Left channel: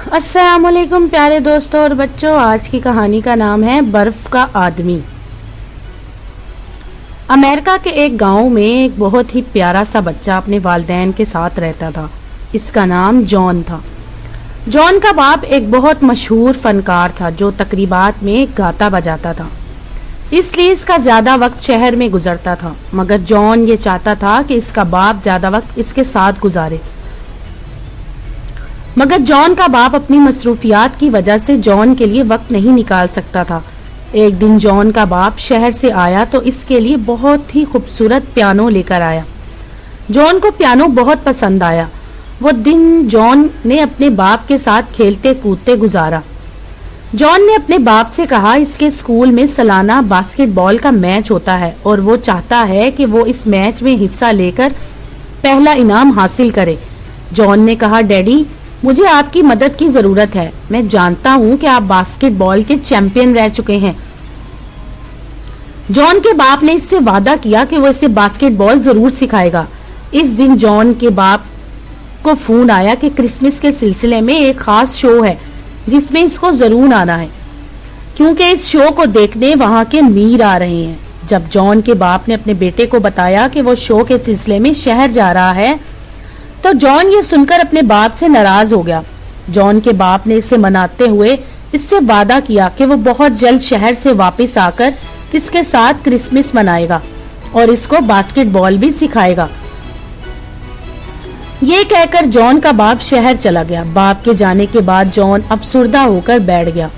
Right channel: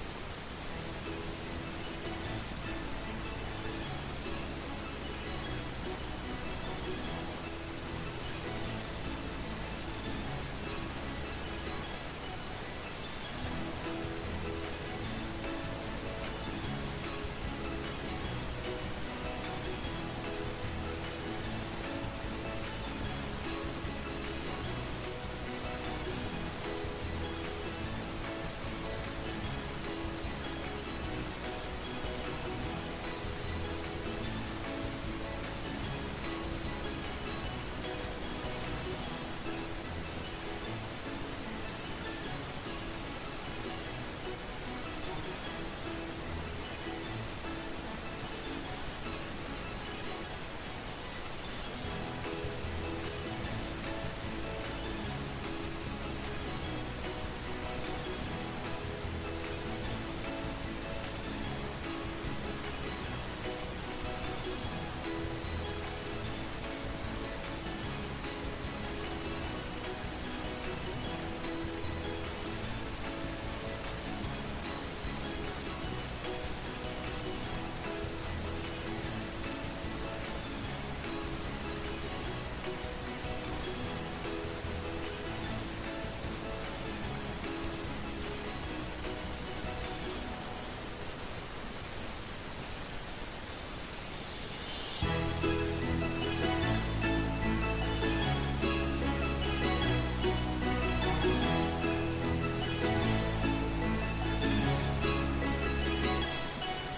अस्सलाम वालेकुम प्यारे दोस्तों और बच्चों, आज की कहानी का नाम है बर्फ का आदमी। अमेरिका के एक गांव में एक बहुत ही प्यारा सा बच्चा अपने वालिदैन के साथ रहता था। इसका नाम जॉन था। जॉन का बाप एक बहुत मशहूर फनकार था जो तकरीबात में गाता बजाता था, इसलिए इसका ज्यादा वक्त शहर में गुजरता था। मगर जॉन ये चाहता था कि इसका बाप ज्यादा वक्त इसके साथ गुजारे, मगर जॉन का बाप अपनी मसरूफियात की वजह से जॉन के लिए वक्त नहीं निकाल सकता था। एक दिन जॉन का बाप शहर से आया तो इसके लिए बहुत ही खूबसूरत पियानो लेकर आया। जॉन को पियानो बहुत पसंद आया। वो दिन जॉन ने अपने बाप के साथ खेलते कूदते गुजारा। जॉन ने अपने बाप से कहा, इसके स्कूल में सालाना बास्केटबॉल का मैच होता है और वो चाहता है कि वो इस मैच में हिस्सा लेकर पहला इनाम हासिल करे। जॉन ने कहा, डैडी, मुझे आपकी मदद की जरूरत है। मैं जानता हूँ कि आप बास्केटबॉल के चैंपियन रह चुके हैं। जॉन के बाप ने इससे वादा किया कि वो इसे बास्केटबॉल जरूर सिखाएगा। इस दिन जॉन के बाप को फोन आया कि क्रिसमस के सिलसिले में एक खास शो है जिसमें इसको जरूर आना है, क्योंकि इस शो को देखने वहां के मीर आ रहे हैं। जब जॉन के बाप ने अपने बेटे को बताया कि वो शो के सिलसिले में शहर जा रहा है तो जॉन ये सुनकर अपने बाप से नाराज हो गया। जॉन के बाप ने इसे मनाते हुए इससे वादा किया कि वो बहुत जल्द शहर से वापस आकर इसके साथ क्रिसमस मनाएगा और इसको बास्केटबॉल भी सिखाएगा। ये कहकर जॉन का बाप शहर चला गया। बाप के जाने के बाद जॉन अफसुर्दा होकर बैठ गया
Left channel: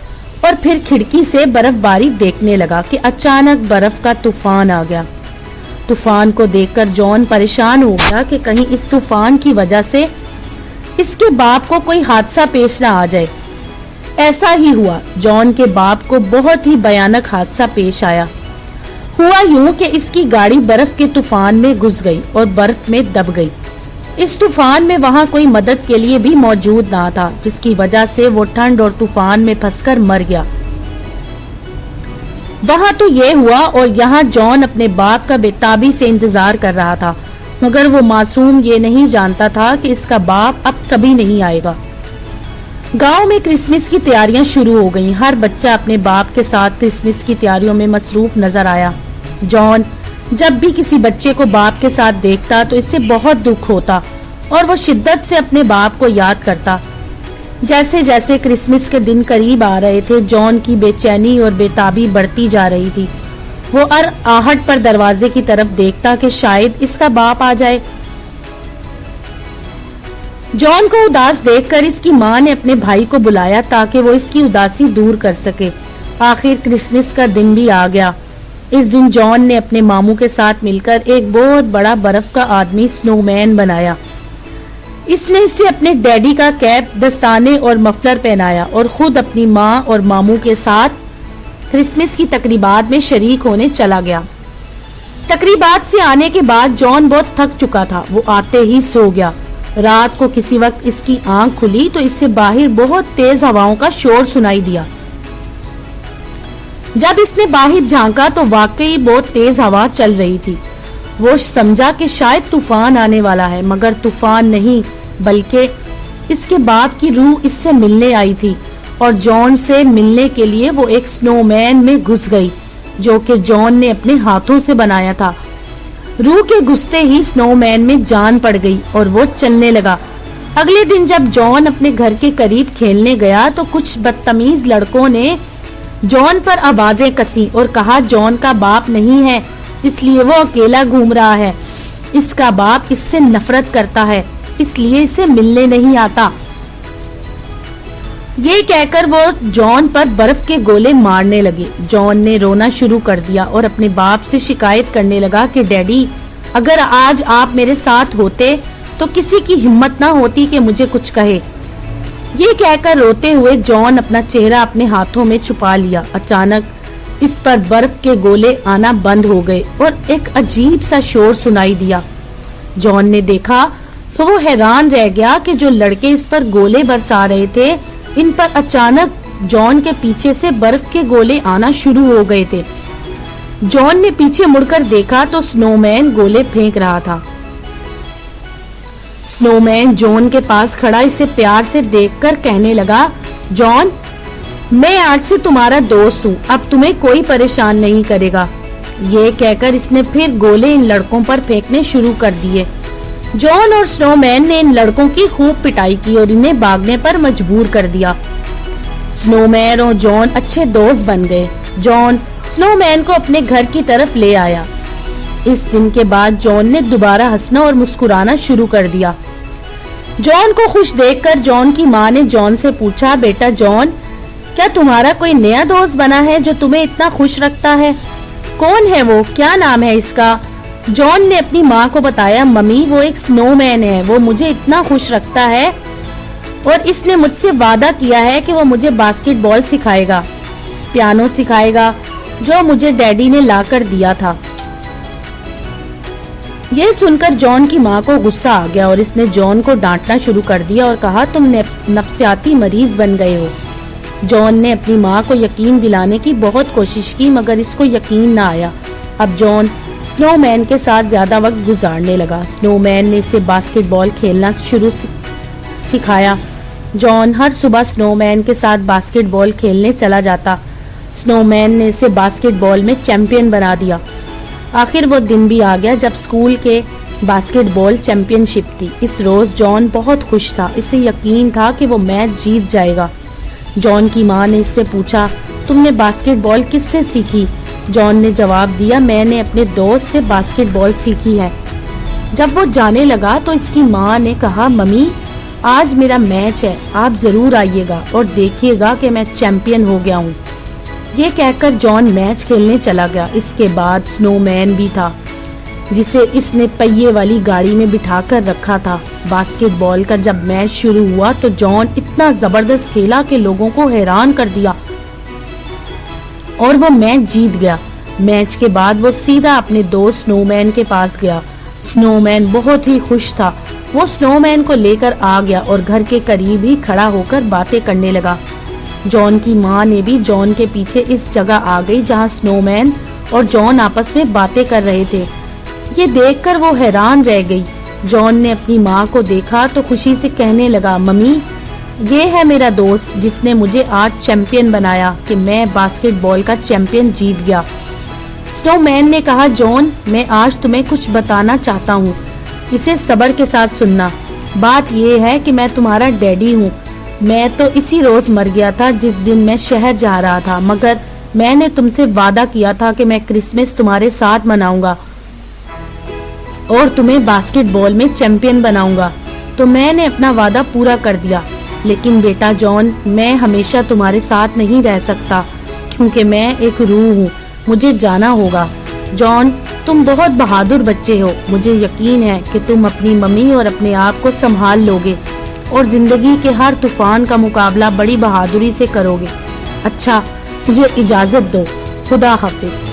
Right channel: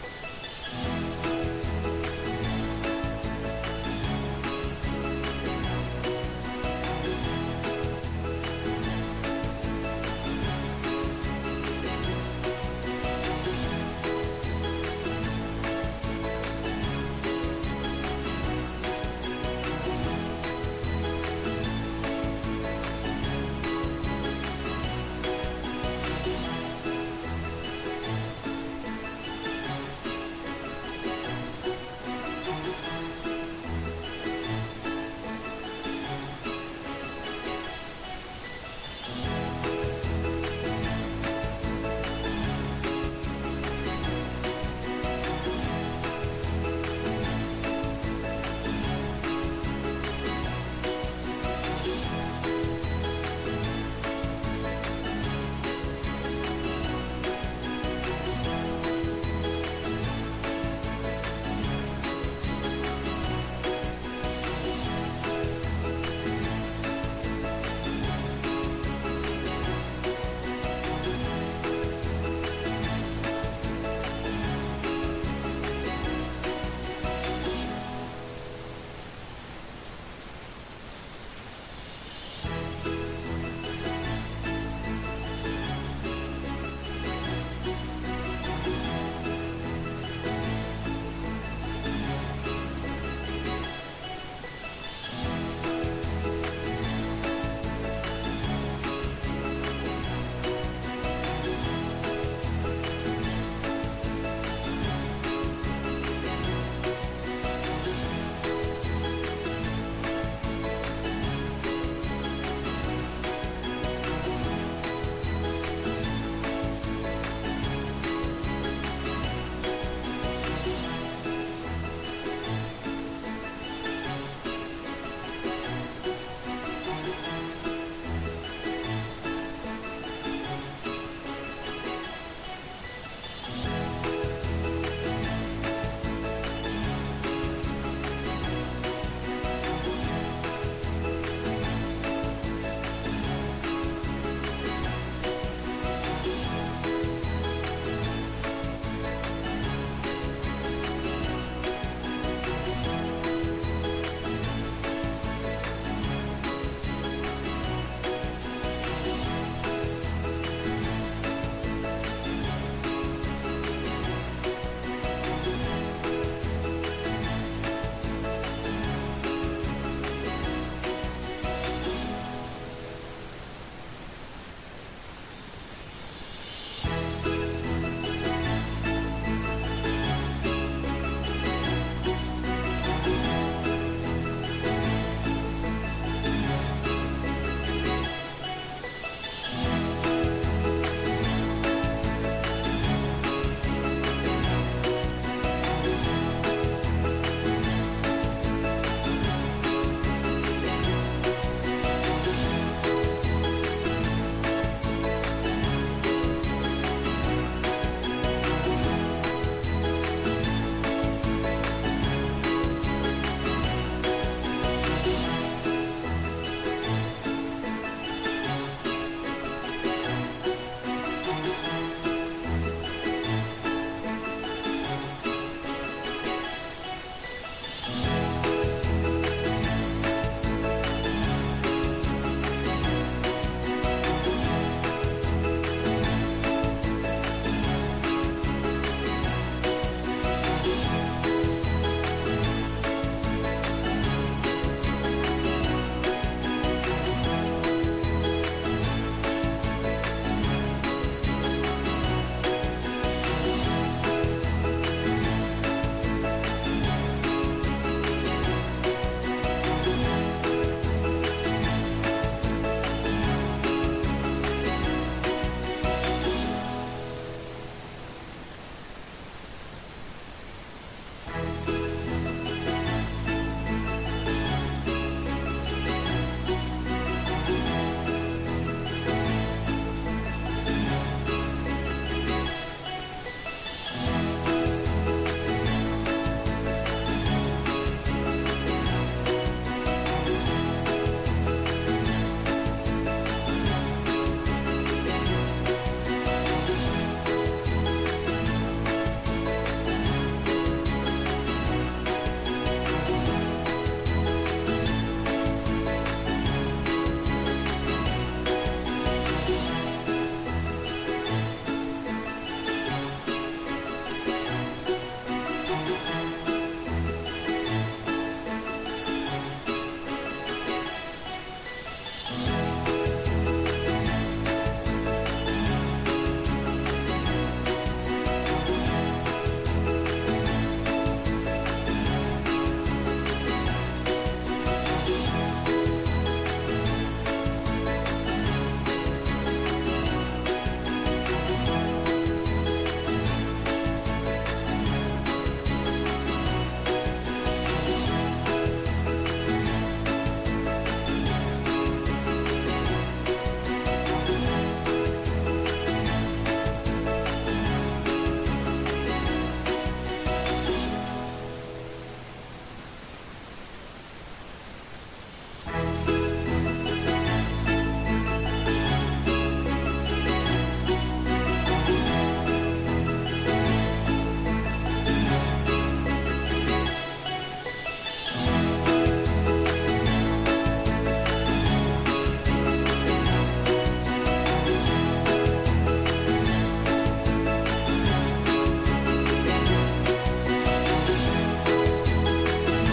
और फिर खिड़की से बर्फबारी देखने लगा कि अचानक बर्फ का तूफान आ गया। तूफान को देखकर जॉन परेशान हो गया कि कहीं इस तूफान की वजह से इसके बाप को कोई हादसा पेश ना आ जाए। ऐसा ही हुआ। जॉन के बाप को बहुत ही भयानक हादसा पेश आया। हुआ यूं कि इसकी गाड़ी बर्फ के तूफान में घुस गई और बर्फ में दब गई। इस तूफान में वहां कोई मदद के लिए भी मौजूद ना था, जिसकी वजह से वो ठंड और तूफान में फंसकर मर गया। वहां तो ये हुआ और यहाँ जॉन अपने बाप का बेताबी से इंतजार कर रहा था, मगर वो मासूम ये नहीं जानता था कि इसका बाप अब कभी नहीं आएगा। गांव में क्रिसमस की तैयारियां शुरू हो गईं। हर बच्चा अपने बाप के साथ क्रिसमस की तैयारियों में मसरूफ नजर आया। जॉन जब भी किसी बच्चे को बाप के साथ देखता तो इससे बहुत दुख होता और वो शिद्दत से अपने बाप को याद करता। जैसे जैसे क्रिसमस के दिन करीब आ रहे थे, जॉन की बेचैनी और बेताबी बढ़ती जा रही थी। वो हर आहट पर दरवाजे की तरफ देखता कि शायद इसका बाप आ जाए। जॉन को उदास देखकर इसकी माँ ने अपने भाई को बुलाया ताकि वो इसकी उदासी दूर कर सके। आखिर क्रिसमस का दिन भी आ गया। इस दिन जॉन ने अपने मामू के साथ मिलकर एक बहुत बड़ा बर्फ का आदमी स्नोमैन बनाया। इसने इसे अपने डैडी का कैप, दस्ताने और मफलर पहनाया और खुद अपनी माँ और मामू के साथ क्रिसमस की तकरीबात में शरीक होने चला गया। तकरीबात से आने के बाद जॉन बहुत थक चुका था। वो आते ही सो गया। रात को किसी वक्त इसकी आंख खुली तो इससे बाहर बहुत तेज हवाओं का शोर सुनाई दिया। जब इसने बाहर झांका तो वाकई बहुत तेज हवा चल रही थी। वो समझा कि शायद तूफान आने वाला है, मगर तूफान नहीं बल्कि इसके बाप की रूह इससे मिलने आई थी और जॉन से मिलने के लिए वो एक स्नोमैन में घुस गई जो कि जॉन ने अपने हाथों से बनाया था। रूह के घुसते ही स्नोमैन में जान पड़ गई और वो चलने लगा। अगले दिन जब जॉन अपने घर के करीब खेलने गया तो कुछ बदतमीज लड़कों ने जॉन पर आवाजें कसी और कहा, जॉन का बाप नहीं है इसलिए वो अकेला घूम रहा है। इसका बाप इससे नफरत करता है इसलिए इसे मिलने नहीं आता। ये कहकर वो जॉन पर बर्फ के गोले मारने लगे। जॉन ने रोना शुरू कर दिया और अपने बाप से शिकायत करने लगा कि डैडी, अगर आज आप मेरे साथ होते तो किसी की हिम्मत ना होती कि मुझे कुछ कहे। ये कहकर रोते हुए जॉन अपना चेहरा अपने हाथों में छुपा लिया। अचानक इस पर बर्फ के गोले आना बंद हो गए और एक अजीब सा शोर सुनाई दिया। जॉन ने देखा तो वो हैरान रह गया कि जो लड़के इस पर गोले बरसा रहे थे, इन पर अचानक जॉन के पीछे से बर्फ के गोले आना शुरू हो गए थे। जॉन ने पीछे मुड़कर देखा तो स्नोमैन गोले फेंक रहा था। स्नो मैन जॉन के पास खड़ा इसे प्यार से देखकर कहने लगा, जॉन, मैं आज से तुम्हारा दोस्त हूँ, अब तुम्हें कोई परेशान नहीं करेगा। ये कहकर इसने फिर गोले इन लड़कों पर फेंकने शुरू कर दिए। जॉन और स्नोमैन ने इन लड़कों की खूब पिटाई की और इन्हें भागने पर मजबूर कर दिया। स्नोमैन और जॉन अच्छे दोस्त बन गए। जॉन स्नोमैन को अपने घर की तरफ ले आया। इस दिन के बाद जॉन ने दोबारा हंसना और मुस्कुराना शुरू कर दिया। जॉन को खुश देखकर जॉन की माँ ने जॉन से पूछा, बेटा जॉन, क्या तुम्हारा कोई नया दोस्त बना है जो तुम्हें इतना खुश रखता है? कौन है वो, क्या नाम है इसका? जॉन ने अपनी माँ को बताया, मम्मी, वो एक स्नोमैन है, वो मुझे इतना खुश रखता है और इसने मुझसे वादा किया है कि वो मुझे बास्केटबॉल सिखाएगा, पियानो सिखाएगा, जो मुझे डैडी ने लाकर दिया था। ये सुनकर जॉन की माँ को गुस्सा आ गया और इसने जॉन को डांटना शुरू कर दिया और कहा, तुम नफ्सियाती मरीज बन गए हो। जॉन ने अपनी माँ को यकीन दिलाने की बहुत कोशिश की मगर इसको यकीन ना आया। अब जॉन स्नोमैन के साथ ज्यादा वक्त गुजारने लगा। स्नोमैन ने इसे बास्केटबॉल खेलना सिखाया। जॉन हर सुबह स्नोमैन के साथ बास्केटबॉल खेलने चला जाता। स्नोमैन ने इसे बास्केटबॉल में चैंपियन बना दिया। आखिर वो दिन भी आ गया जब स्कूल के बास्केटबॉल चैंपियनशिप थी। इस रोज जॉन बहुत खुश था। इसे यकीन था कि वो मैच जीत जाएगा। जॉन की माँ ने इससे पूछा, तुमने बास्केटबॉल किससे सीखी? जॉन ने जवाब दिया, मैंने अपने दोस्त से बास्केटबॉल सीखी है। जब वो जाने लगा तो इसकी माँ ने कहा, मम्मी, आज मेरा मैच है, आप जरूर आइएगा और देखिएगा कि मैं चैंपियन हो गया हूँ। ये कहकर जॉन मैच खेलने चला गया। इसके बाद स्नोमैन भी था जिसे इसने पहिए वाली गाड़ी में बिठाकर रखा था। बास्केटबॉल का जब मैच शुरू हुआ तो जॉन इतना जबरदस्त खेला कि लोगों को हैरान कर दिया और वो मैच जीत गया। मैच के बाद वो सीधा अपने दोस्त स्नोमैन के पास गया। स्नोमैन बहुत ही खुश था। वो स्नोमैन को लेकर आ गया और घर के करीब ही खड़ा होकर बातें करने लगा। जॉन की माँ ने भी जॉन के पीछे इस जगह आ गई जहाँ स्नोमैन और जॉन आपस में बातें कर रहे थे। ये देखकर वो हैरान रह गई। जॉन ने अपनी माँ को देखा तो खुशी से कहने लगा, मम्मी, ये है मेरा दोस्त जिसने मुझे आज चैंपियन बनाया कि मैं बास्केटबॉल का चैंपियन जीत गया। स्नोमैन ने कहा, जॉन, मैं आज तुम्हें कुछ बताना चाहता हूँ, इसे सब्र के साथ सुनना। बात ये है कि मैं तुम्हारा डैडी हूँ। मैं तो इसी रोज मर गया था जिस दिन मैं शहर जा रहा था, मगर मैंने तुमसे वादा किया था कि मैं क्रिसमस तुम्हारे साथ मनाऊंगा और तुम्हें बास्केटबॉल में चैंपियन बनाऊंगा। तो मैंने अपना वादा पूरा कर दिया। लेकिन बेटा जॉन, मैं हमेशा तुम्हारे साथ नहीं रह सकता क्योंकि मैं एक रूह हूँ, मुझे जाना होगा। जॉन, तुम बहुत बहादुर बच्चे हो। मुझे यकीन है कि तुम अपनी मम्मी और अपने आप को संभाल लोगे और जिंदगी के हर तूफान का मुकाबला बड़ी बहादुरी से करोगे। अच्छा, मुझे इजाजत दो, खुदा हाफिज।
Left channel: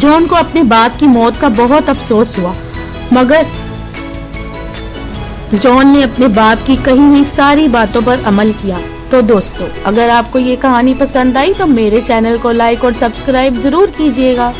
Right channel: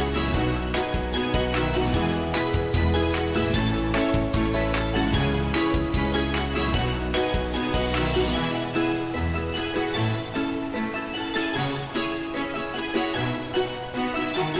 जॉन को अपने बाप की मौत का बहुत अफसोस हुआ, मगर जॉन ने अपने बाप की कही हुई सारी बातों पर अमल किया। तो दोस्तों, अगर आपको ये कहानी पसंद आई तो मेरे चैनल को लाइक और सब्सक्राइब जरूर कीजिएगा।